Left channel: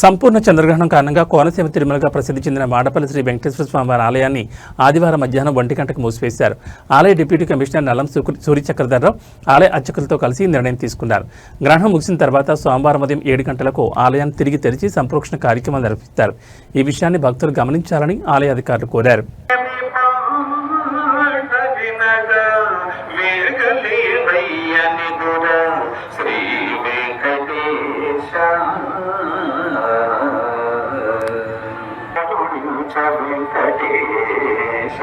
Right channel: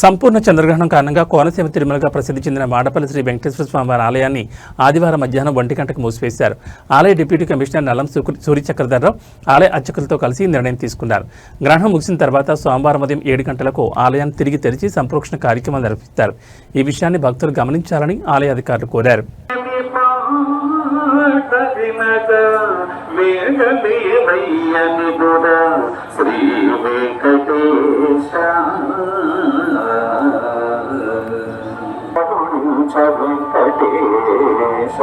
సంపూర్ణ చంద్రగ్రహణం కారణంగా కోనసీమ తిరుమలగా ప్రసిద్ధి చెందిన మాడపల్లి శ్రీ వెంకటేశ్వర స్వామివారి ఆలయాన్ని ఆదివారం మధ్యాహ్నం 1 గంటకు మూసివేశారు. ఆలయ డిప్యూటీ కమిషనర్ నల్లం సూర్యచక్రధర్రావు ఆలయ అర్చకులతో కలిసి నిర్ణయం తీసుకున్నారు. గ్రహణం ముగిసిన తర్వాత సోమవారం ఉదయం 7 గంటలకు ఆలయాన్ని తిరిగి తెరిచి సంప్రోక్షణ కార్యక్రమాలు నిర్వహిస్తారు. ఈ విషయాన్ని భక్తులు గమనించాలని ఆలయ అధికారులు కోరారు. శ్రీ వెంకటేశ వెంకటేశ